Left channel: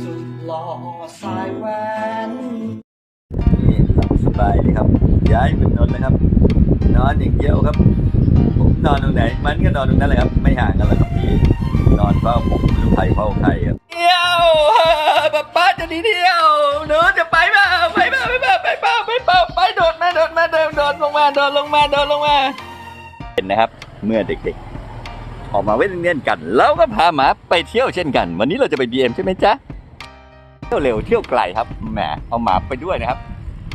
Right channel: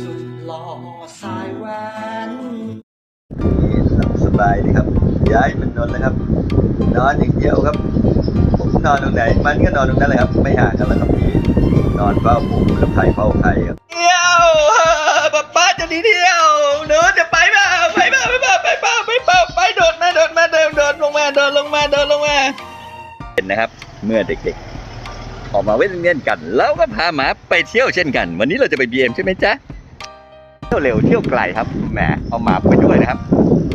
สุดหล่อสายแหวนนี่หลับสบายดีครับ ย้ายมันนอนแล้วครับ นอนอย่างเดียวครับ ผมนอนตรงไหน มันก็นอนตรงนั้นแหละครับ ไม่ห่างกันแล้วครับพี่นอนเฝ้าผมแล้วไผ่เฝ้าใครครับเที่ยวป๊าป้าจะหนีเที่ยวหนูจะไปเปล่าไปเปล่าไปเปล่าไปเปล่าไปเปล่าไปโดดมาโดดมาโดดโดดลงมาโดดลงมาโดดลงมา เห็นนะครับ เมื่อเด็กๆ ออกมาเว้นเล่นกัน แล้วก็พาหมาไปเที่ยวเช่นกัน วันนี้เราจะไปบีเอ็มใช่ไหมจ๊ะ เที่ยวเร็วเที่ยวไกลครับ แหม เอาหมาไปด้วยนะครับ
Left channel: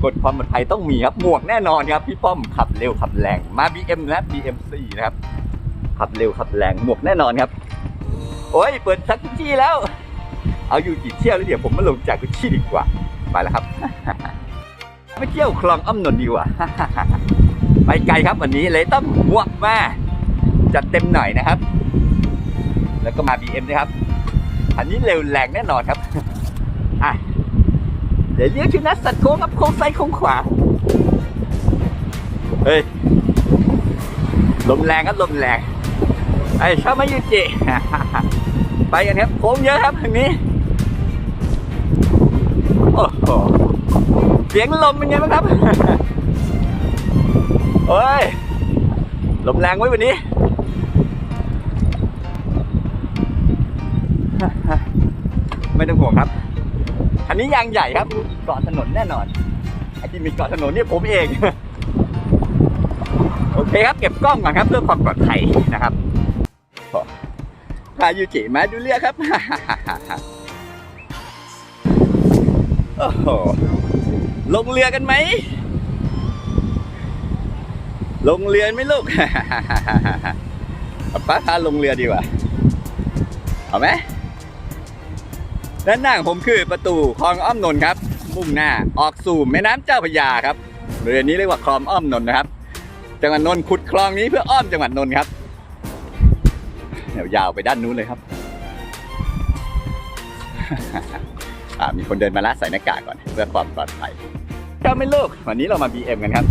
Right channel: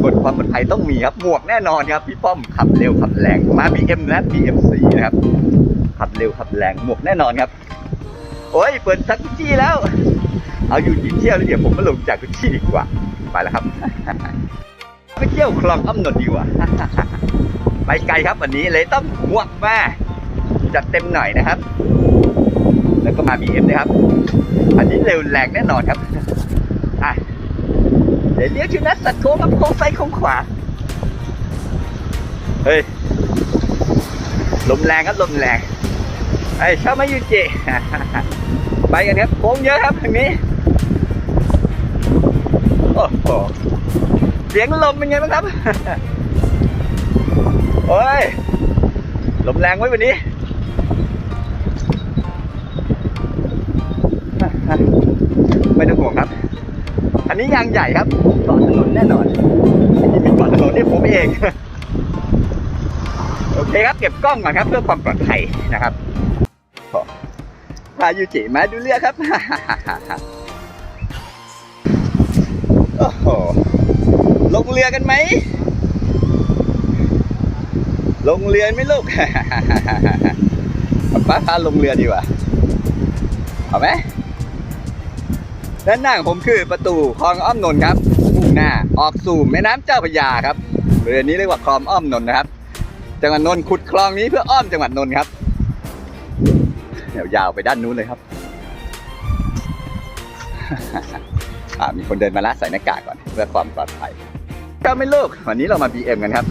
กฎความปลอดภัยต้องมีครับ หมวกแน่นอนครับ พี่ป้อมขับเร็วขับแรง มา BM นะ BM สีนะครับ ขับเร็วขับแรง หมวกแน่นอนครับ โอ้ย เปิดทักจี้แล้ว เอาอยู่กี่เที่ยวแล้วเดี๋ยวผมมาลงจากกุชชี่ดีกว่า ไปแล้วครับ ไปเที่ยวคลองอ้อมนนท์ดีกว่า ไปไกลครับวันนี้เลยต้องหมวกมา จัดเต็มหน่อยนะครับ แล้วก็มา BM นะครับ อันนี้เร็วแรงแน่นอนครับอะเดี๋ยวเลี้ยวชูนัดสัตว์โค้งครับโค้งซ้ายโค้งขวา เฮ้ย ลมแรงครับลมแรงไอ้ชอบมายูจิไปกันครับโค้งเยอะครับทางนี้ โอ้โหเสียงลมเป็นไงบ้างครับโอ้ย ลมแรงไว้วันนี้ ไม่ต้องห่วงครับ อันนี้ยางใหญ่ครับเกาะถนนแน่นอนอันนี้เป็นเกาะถนนที่ผมเอง โอเคครับ เก็บกล้องก่อนครับเพื่อความปลอดภัยนะครับพายูจิมาดูเรือครับโอ้โหลงเรือกันไหม ลงเรือไหมลูกป้าพาลงเรือดีกว่า เอาไหม ด้านหน้าของผมคือประตูคลองอ้อมนนท์ครับมุ่งหน้าออกสู่แม่น้ำเจ้าพระยาครับเรือนี้เรียกว่าคลองอ้อมนนท์นะครับ จังหวัดนนท์ขุดคลองนี้เพื่ออ้อมจังหวัดนนท์ครับเดี๋ยวยาวไปด้านนู้นเลยครับอ่ามีคนเดินมาละใส่หน้ากากก่อนเพื่อความปลอดภัยเจ้าไม่ลูกวันนี้เรามา BM กันครับ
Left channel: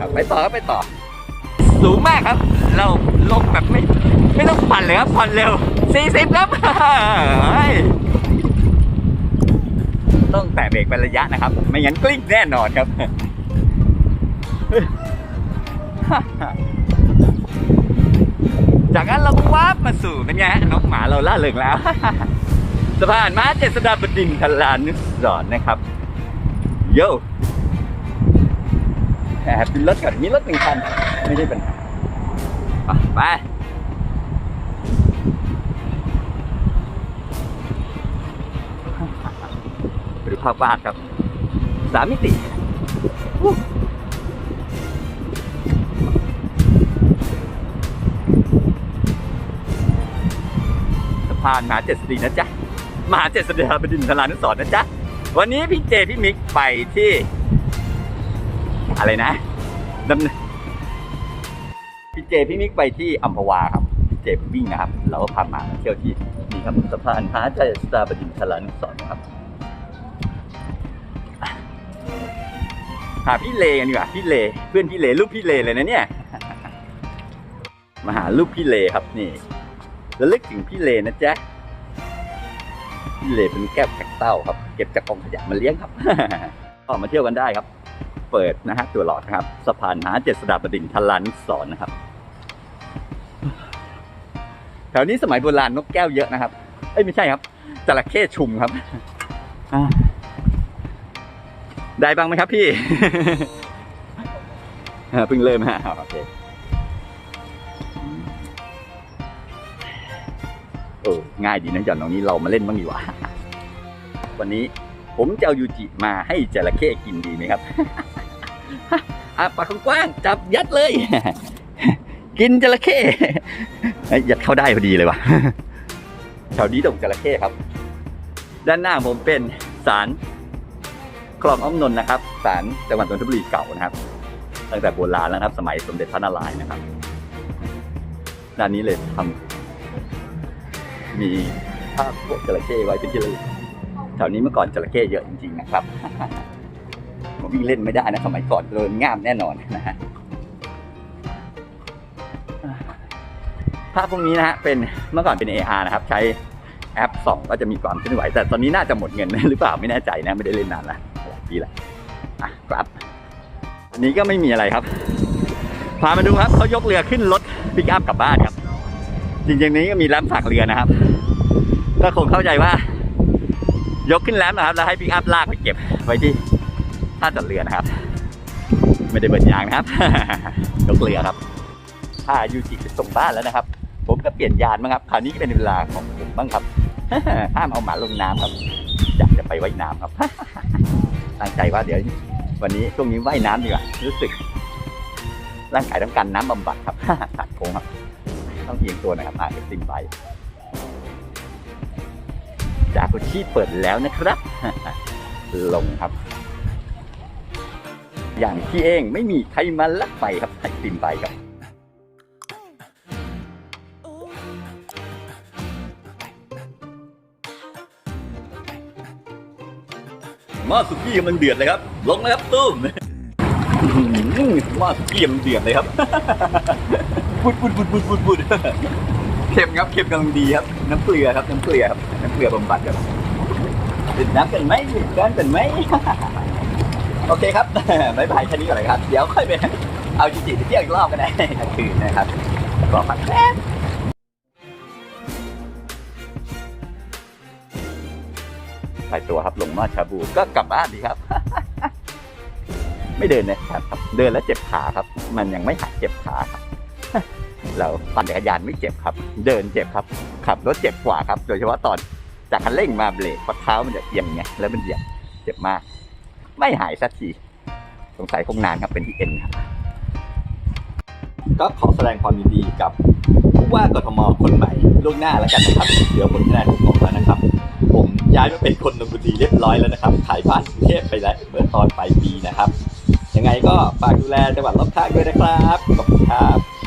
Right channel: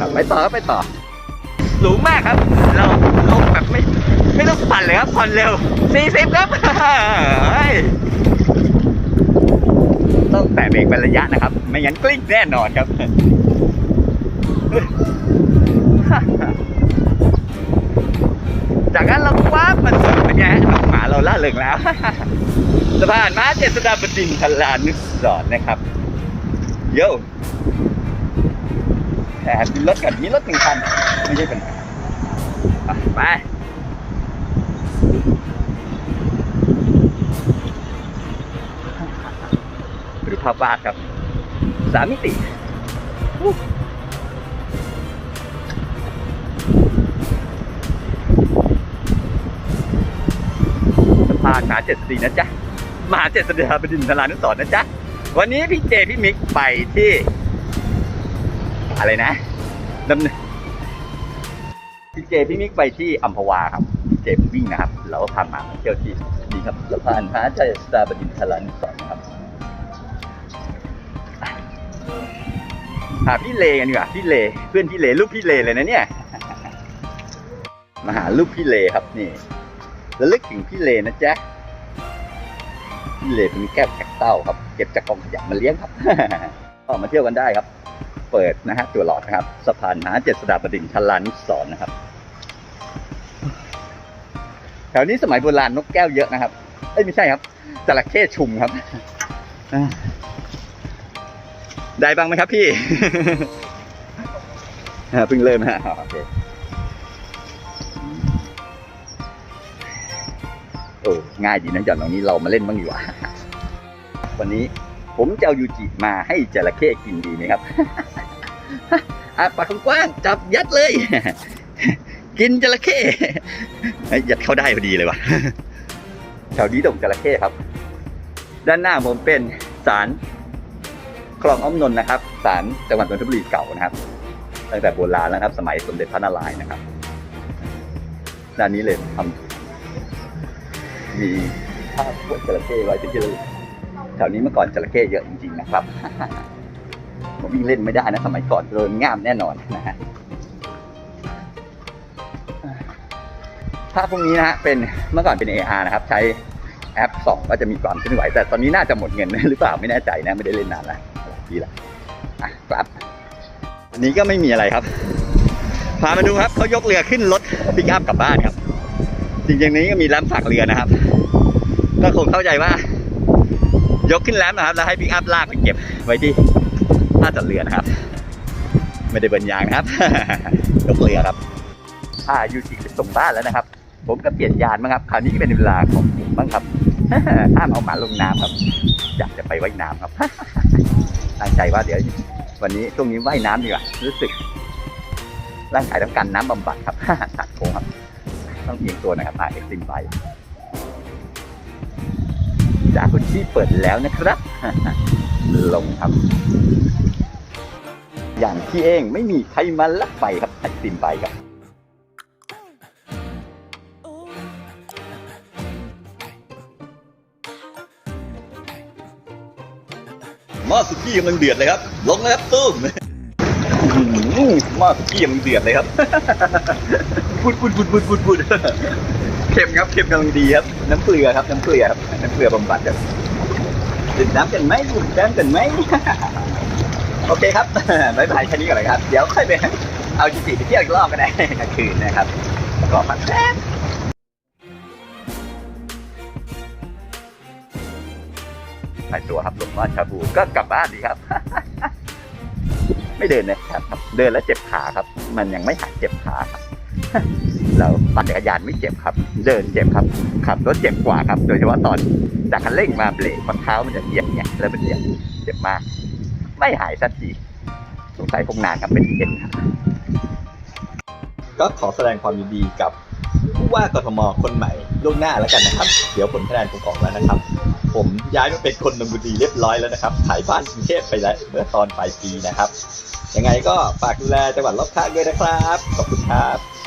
ครับไปต่อครับไปต่อสูงมากครับ เราลงแบบไม่ไม่ต้องปั่นเลยครับผ่อนเร็ว 40ครับเฮ้ยต้องแตะเบรกเป็นระยะนะครับ ไม่งั้นกลิ้งแน่นอนครับจากนั้นเราก็ว้าบมาสู่เป็นไงน้องหมาเราล่าเริงแล้วสะพานม้าเจษฎาบดินทร์ทลานุสรนะครับ โย่แอบดูรถก่อนมีรถหนึ่งคัน ไม่ใช่ปัญหาไป ไปดูภาพวาดครับสามมิติสะพานมหาเจ็ดสตรีนะจ๊ะมหาเจ็ดสตรีบดินทรานุสรนะจ๊ะ วันนี้พี่เจพี่มิกไปที่ อะไรนะดำเนินพี่เจพี่มิกไปที่อัมพวาครับพี่เจวิ่งนะครับ เราก็พามาเที่ยวที่นี่ครับสะพานพระเจ้าสตาบดินทรานุสรนะครับ หาพี่เลกันดีกว่าพี่เลเพื่อนพี่เลรูปพี่เลเลยนะเนี่ย มาหารูปพี่เลครับนี่ระลึกถึงพี่เลนะจ๊ะพี่เลเป็นแก้วแขกเต้าครับ เก็บจากกองขยะมาเลี้ยงครับก็มาเที่ยวกันได้ครับ เปิดนะฮะตัวหลอดนะครับสะพานหาเจ็ดสดาบดินทรานุสรณ์นะครับแถวนี้สมัยโบราณนกแก้วเยอะนะครับเอ้ยไม่ใช่ครับจระเข้ชุมครับอ่า ได้บ้างไหมครับพี่ เพิ่งเริ่มฮะโอเคโอ้ง่ายดีนะหย่อนตรงนี้เรามาเล่นบ้างดีกว่า วันนี้ผมจะเอายูจิมาให้จระเข้กินดีไหมครับอะปากกว้างจับยัดเลย กินจระเข้ยัดเข้าได้พอดีเลยวะแถวนี้ดงจระเข้ครับ ด้านหน้าผมเป็นศาล คลองอ้อมนนท์นะครับศาลจังหวัดนนทบุรีเก่านะครับ ตั้งแต่โบราณแล้วนะครับ สมัยสมเด็จพระนารายณ์นะครับด้านนี้เลยทำมีภาพพวกจระเข้ไว้เป็นที่ระลึกแถวนี้เมื่อก่อนจระเข้เยอะจริง ๆ นะครับผมวิ่งเล่นไม่ได้นะสมัยก่อนโดนง่ามแน่นอนนะฮะภาพพวกนี้นะฮะเป็นเมื่อก่อนเป็น AR นะครับ ใช้แอปส่องก็จะมีความเคลื่อนไหว แต่ตอนนี้น่าจะหมดเงินหรือเปล่าไม่แน่ใจนะไม่ได้เล่นนานละ หลายปีละอะครับ อันนี้ก็ไม่มีอะไรครับ พามาดูครับเขายกเรือขึ้นรถปิกอัพกลับบ้านครับ จริงๆนี้ก็มีแรมฝากเรือนะครับ ก็คงเข้าใจว่า ยกขึ้นแรมนะครับ แล้วให้ปิกอัพลากไปเก็บไว้ที่ท่าจอดเรือนะครับ ไม่ได้เบิร์นยางนะครับ ยกเรือครับถ้ายูจิส่งบ้านแล้วนะครับ ผมก็เปลี่ยนยานบ้างครับ คราวนี้ก็เป็นเวลาของผมบ้างครับ ห้ามเอาหมาลงน้ำครับ อยากจะไปว่ายน้ำครับ ตั้งใจว่าเดี๋ยววันนี้ช่วงนี้ว่ายน้ำดีกว่า รู้สึก ร่างกายต้องการน้ำบำบัดครับตัดโค้งครับ ต้องเอียงตัวนะครับอาเอ็กซิมไปจากุชี่เปิดแล้วนะครับ ลงครับ อย่างที่เองไม่มีใครมาลักไปครับไอซิมไปครับ หม้อสุกี้กำลังเดือดเลยครับ ลงเลยครับตุ้มอื้อหือหม้อสุกี้กำลังเดือดเลยครับปุดปุดปุดปุดปุดปุดเค็มครับเค็มกำลังดีครับ น้ำเกลือครับ น้ำเกลือครับน้ำเกลือบำบัดครับดื่มน้ำกันไหมดื่มน้ำกันไหมโอเคครับบายบายแค่นี้ก่อนเลยครับ เดี๋ยวค่อยไปเอาจิจิไปเที่ยวอีกรอบกันได้กลางคืนนะครับ ก็พักแป๊บ ไปตัวครับลงหม้อชาบูก็กลับบ้านดีครับ ไม่เดินนะครับ เดินแล้วเจ็บขาครับ มันยังไม่หายเจ็บขาครับเราปั่นจักรยานไม่เจ็บครับ เดินเจ็บครับ ขับรถเจ็บกว่าครับ โดยเฉพาะตอนจากคันเร่งมาเบรกเพราเท้ามันจะเอียงไงแล้วมันเอียงเจ็บมาก ไม่หายสักทีสงสัยคงนานครับเป็นเอ็นครับก็ขอแสดงความยินดีกับ ว่ากทมคนใหม่ล่วงหน้าแล้วกันนะครับ เดี๋ยวผลคะแนนผมออกแล้วนะครับ ผมย้ายมาเป็นคนนนบุรีเรียบร้อยแล้วนะครับ ขายบ้านกรุงเทพไปแล้วเมื่อตอนปลายปีนะครับ ยังไงก็ฝากดูแลจังหวัดรอบข้างด้วยนะครับ ขอบคุณครับ